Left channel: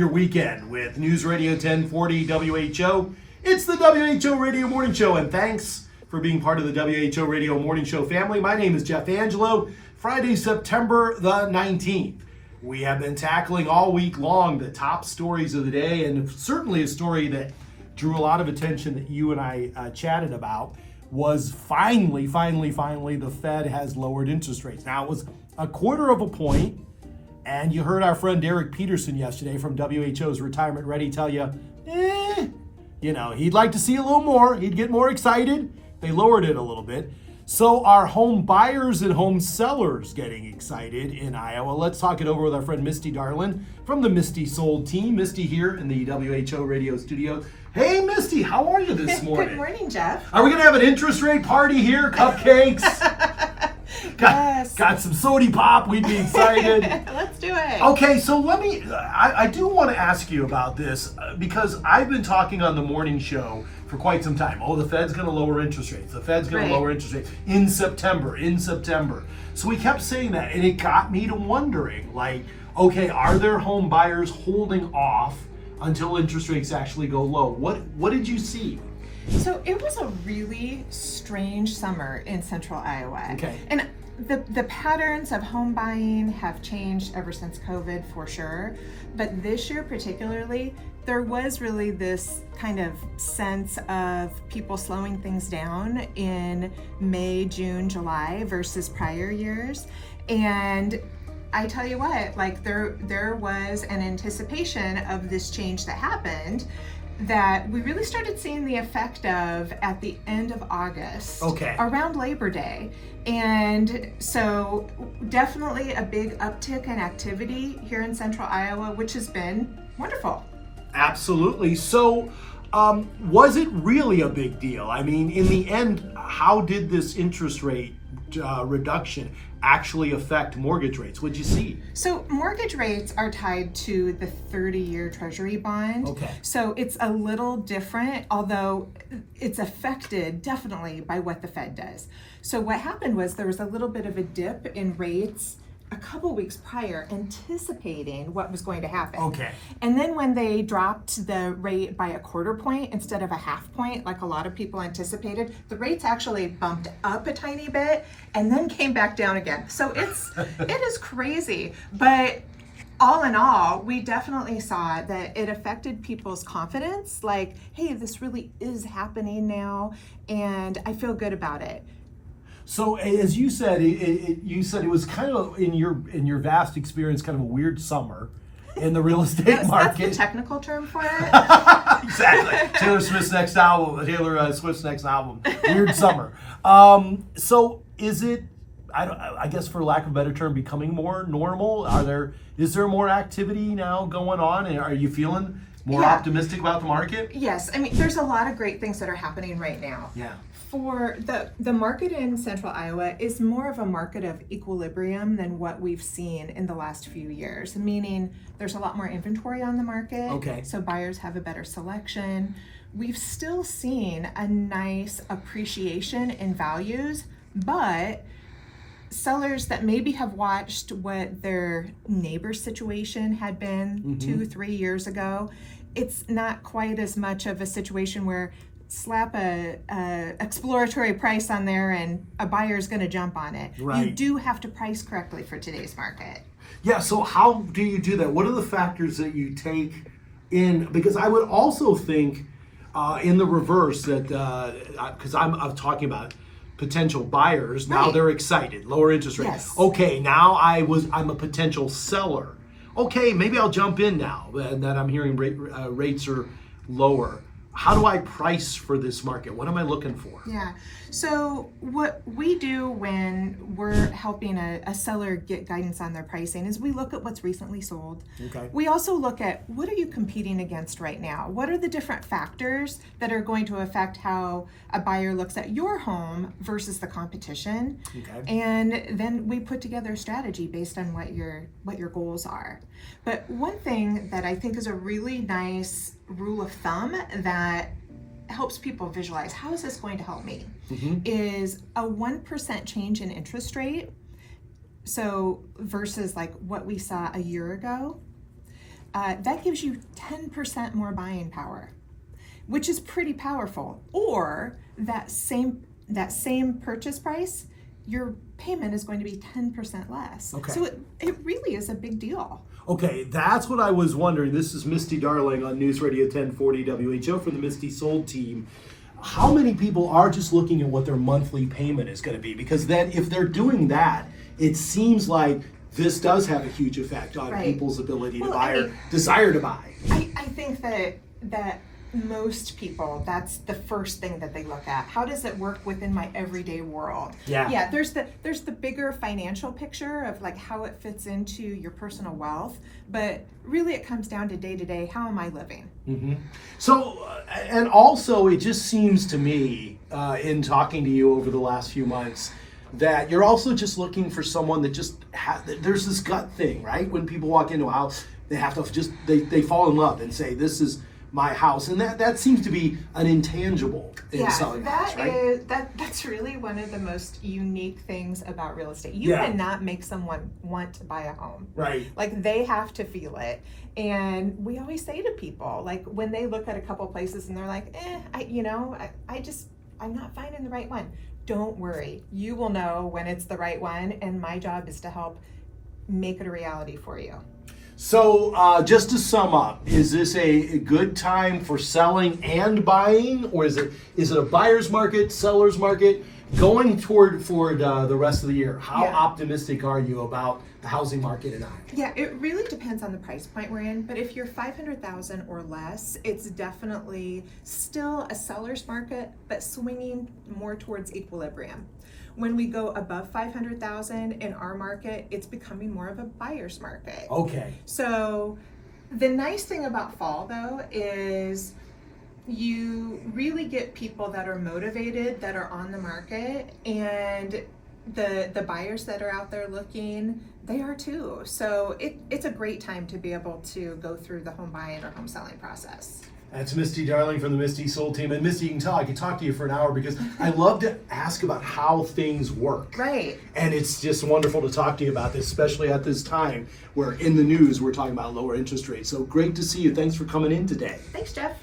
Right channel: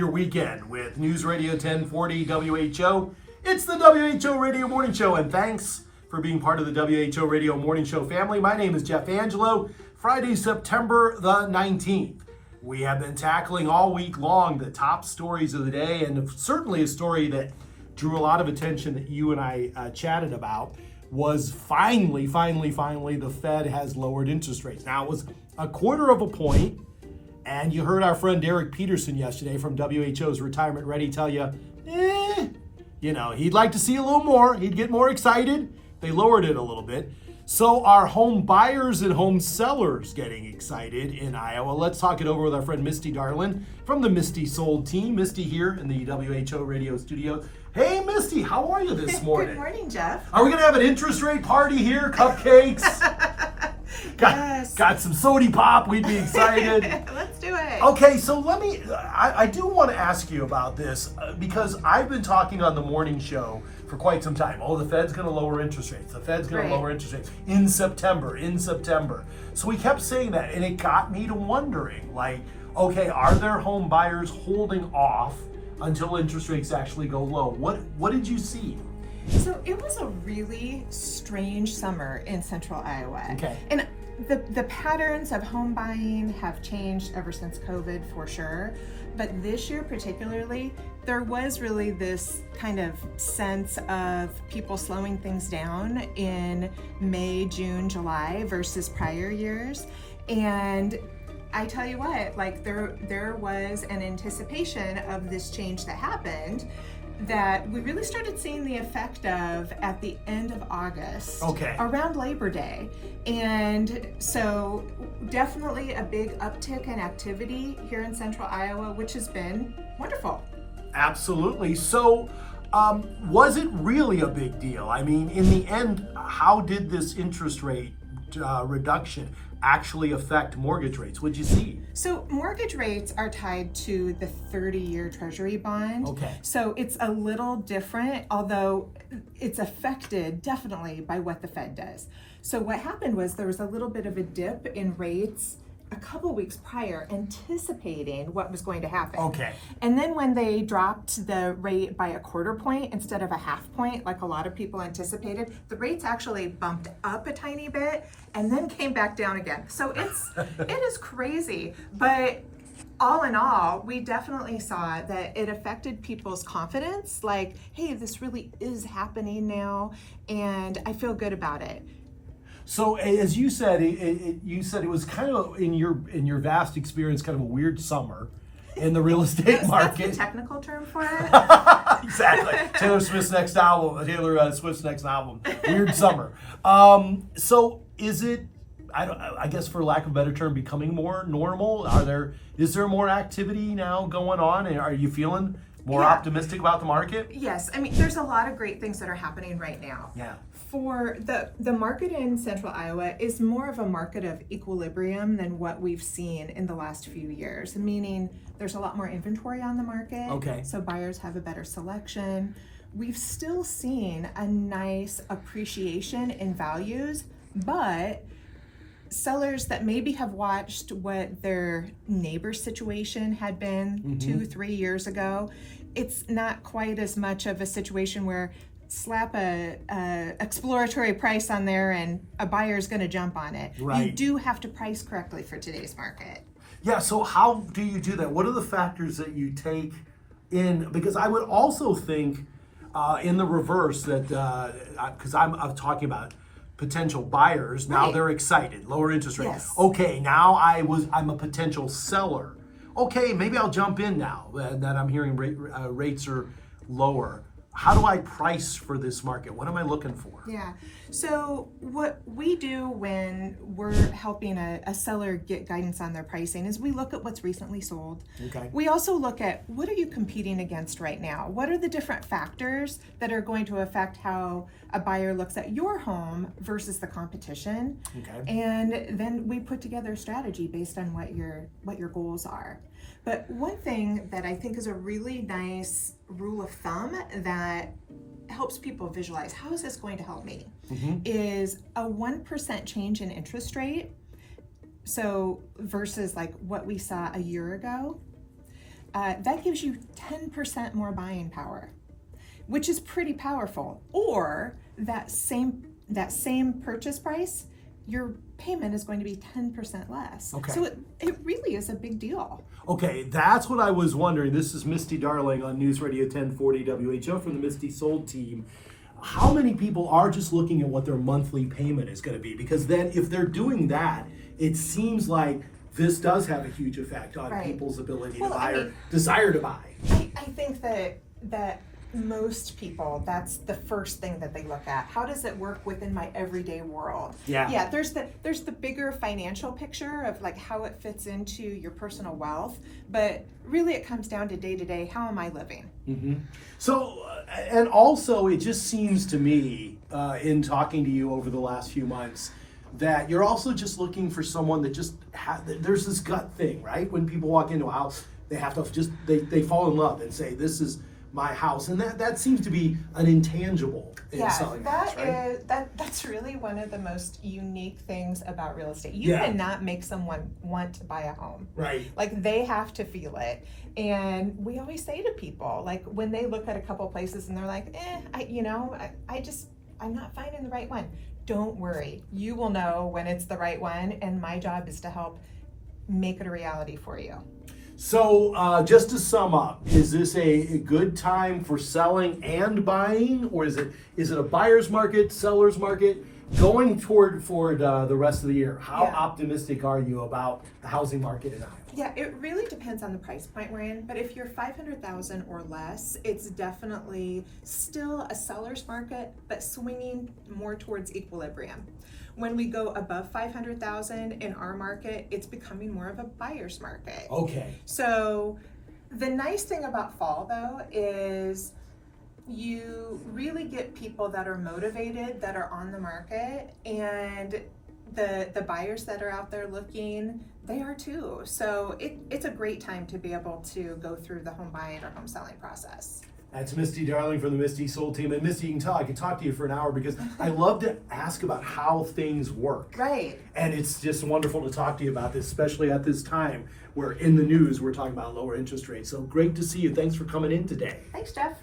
your weekend with News Radio 1040 WHO. It's the WHO Radio Morning Show, and thanks for being part of the WHO Radio Morning Show family. My name is Jeff Angelo. Friday, September the 19th. We have been tackling all week long the top stories of the day, and certainly a story that drew a lot of attention that you and I chatted about was finally, the Fed has lowered interest rates. Now, it was a quarter of a point, and you heard our friend Derek Peterson yesterday from WHO's Retirement Ready tell you, he'd like to see a little more. He'd get more excited. They lowered it a little bit. So are home buyers and home sellers getting excited in Iowa? Let's talk it over with our friend Misty Darlin from the Misty Sold team. Misty here in the WHO radio studio. Hey, Misty, how are you this morning? Good morning, Jeff. Are we going to have an interest rate party here? Cupcakes? Yes. Got some sody pop. We'd be excited. Let's do it. Okay, so I do want to ask you about this because I've been talking on the morning show for quite some time. Oh, the Fed's going to lower interest rates. The Fed's going to lower interest rates in September. So we kept saying that, and it got me to wondering, okay, are there home buyers holding off until interest rates actually go low? What did you see? So it was a really strange summer in central Iowa. Okay. And the patterns of home buying have changed ever since COVID for sure. But this year particularly, there was really this kind of sense of people slowing things down in May, June, July versus prior years. And I tell you what, there was an anticipation of this change that happened that we really started seeing the effect of at the end of August, around Labor Day. And so definitely a big uptick in activity here in central Iowa, which has been wonderful. Absolutely. So was it really a big deal? I mean, in the end, how did this interest rate reduction actually affect mortgage rates? What'd you see? So mortgage rates are tied to the 30-year Treasury bond. Okay. So it's a little different, although it's affected definitely by what the Fed does. So what happened was there was a little bit of a dip in rates a couple weeks prior, anticipating what was going to happen. Okay. And then when they dropped the rate by a quarter point instead of a half point, like a lot of people anticipated, the rates actually bumped up a tiny bit and then came back down again. So it is crazy. But all in all, we definitely saw that it affected people's confidence, like, hey, this really is happening now, and I feel good about it. So as you said, you said it was kind of in your vast experience, kind of a weird summer in the real estate market. That's the technical term for it. Exactly. Taylor Swift's next album. Weird summer. So is it? I guess for lack of a better term, becoming more normal? Is there more activity now going on? And are you feeling more optimistic about the market? Yes. I mean, there's a lot of great things that are happening right now. Yeah. For the market in central Iowa is more of a market of equilibrium than what we've seen in the last few years, meaning there's a lot more inventory on the market. Okay. So buyers have a better selection. We've still seen a nice appreciation in values, but sellers that maybe have watched what their neighbor situation had been 2-3 years ago, it's not quite as much of a situation where slap a exploratory price on there and a buyer's going to jump on it. Right. You do have to price correctly for today's market. Yeah, so how do you do that? What are the factors that you take in? Because I would also think in the reverse that, because I'm talking about potential buyers, now they're excited, lower interest rates. Yes. Okay, now I'm a potential seller. Okay, maybe I'll jump in now that I'm hearing rates are lower. How do I price for this market? What am I looking for? Yeah. So what we do when we're helping a seller get guidance on their pricing is we look at what's recently sold. Okay. We also look at what are you competing against right now? What are the different factors that are going to affect how a buyer looks at your home versus the competition? Okay. And then we put together a strategy based on what your goals are. But one thing that I think is a really nice rule of thumb that helps people visualize how is this going to help me is a 1% change in interest rate. So versus like what we saw a year ago, that gives you 10% more buying power, which is pretty powerful. Or that same purchase price, your payment is going to be 10% less. Okay. So it really is a big deal. Okay, that's what I was wondering. This is Misty Darling on News Radio 1040 WHO from the Misty Sold team. How many people are just looking at what their monthly payment is going to be? Because then if they're doing that, it seems like this does have a huge effect on Right. people's ability to Well, buy I or mean, desire to buy. I think that most people, that's the first thing that they look at. How does it work within my everyday world? Yeah. There's the bigger financial picture of like how it fits into your personal wealth, but really it comes down to day to day, how am I living? Mm-hmm. So, and also it just seems to me, in talking to you over the last few months, that you're also just looking for someone that just there's this gut thing, right? When people walk into a house, they have to just, they fall in love and say, this is my house. And that seems to be an intangible in selling house, right? That's really one of the most unique things about real estate. You Yeah. cannot make someone want to buy a home. Right. Like they have to feel it. And we always say to people, like when they look at a couple places and they're like, I'm not finding the right one. Don't worry. You will know when it's the right one. And my job is to help make it a reality for you. So just to sum up, is this a good time for selling and buying, or is it a buyer's market, seller's market, going toward the rest of the year? How optimistic are you about the housing market in Iowa? Yeah, it really depends on the price point we're in, but if you're $500,000 or less, it's definitely still a seller's market, but swinging more towards equilibrium. When we go above 500,000 in our market, it's becoming more of a buyer's market. Okay. So the nice thing about fall though is you really get people that are motivated, that are on the market, and the buyers that are out there looking, they are too. So it's a great time to be able to go through the home buying or home selling process. That's Misty Darling from the Misty Sold team. And Misty, you can tell I could talk to you for an hour because I love to ask about how things work. Right. And it's just wonderful to talk to you about this, especially at this time where in the news we're talking about lower interest rates. So great to see you. Thanks for coming in today. Thanks, Jeff.